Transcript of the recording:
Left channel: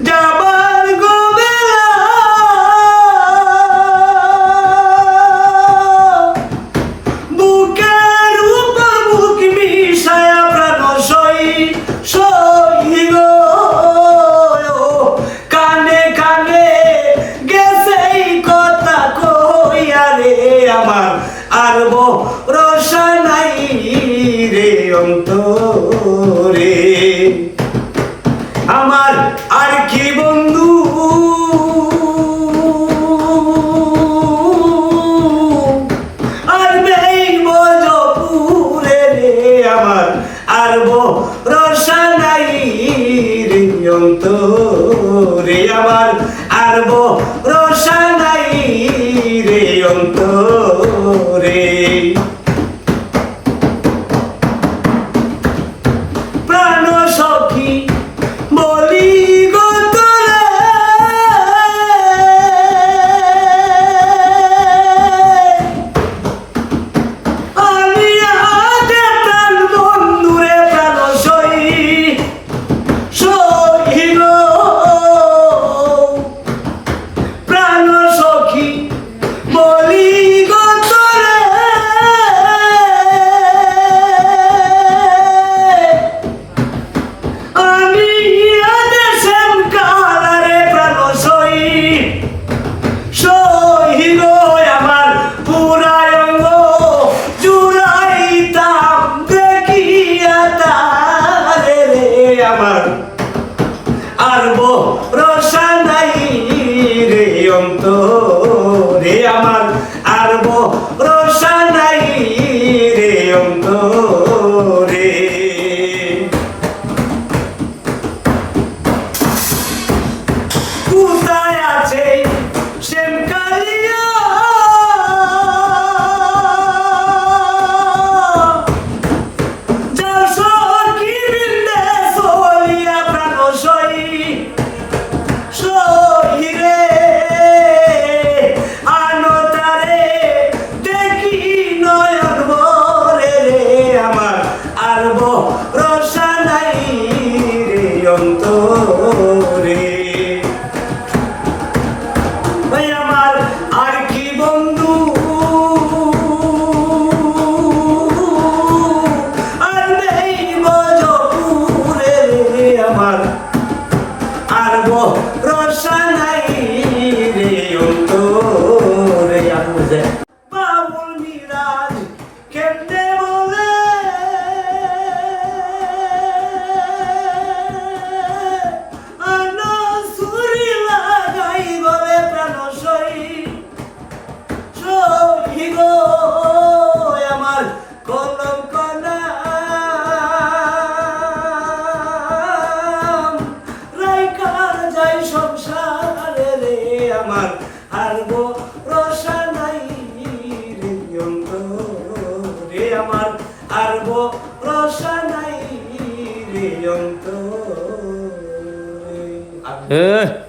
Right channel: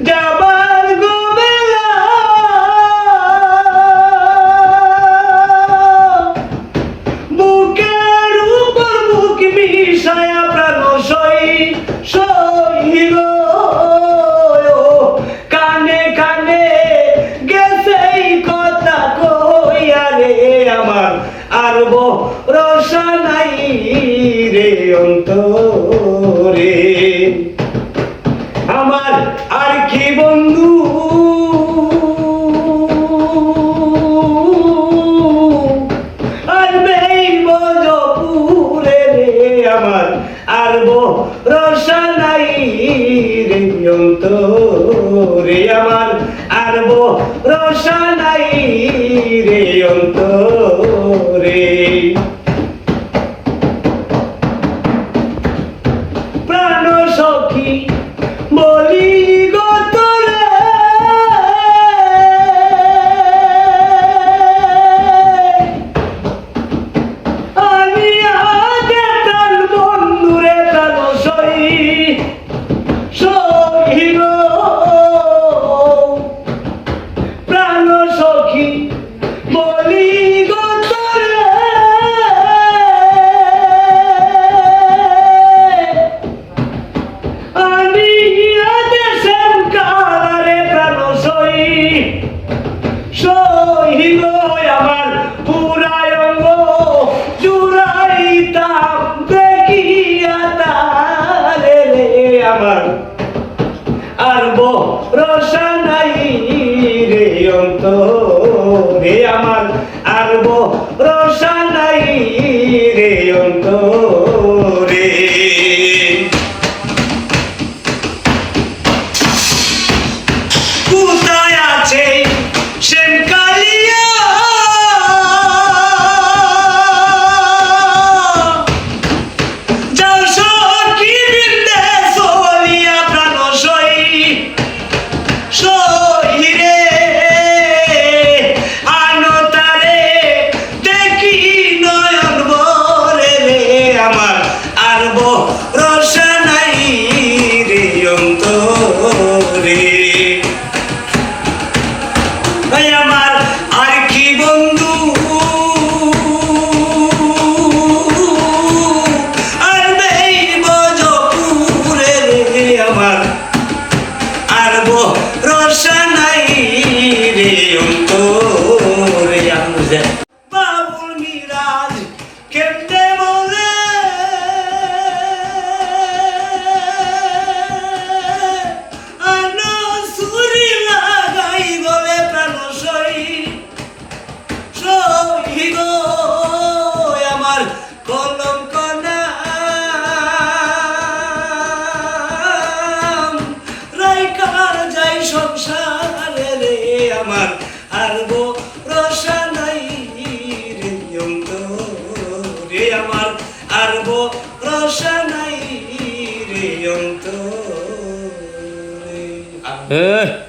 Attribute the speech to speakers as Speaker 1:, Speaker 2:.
Speaker 1: যাবার গো বেলা বুকের উপর বুক মিশায়া প্রাণ সই গেছে কথা কইয়া রে আমার আর রসা নাই রে আমার পর্যন্ত রে আমার আর রসা নাই রে অন্ত ¡Bravo!
Speaker 2: Ee,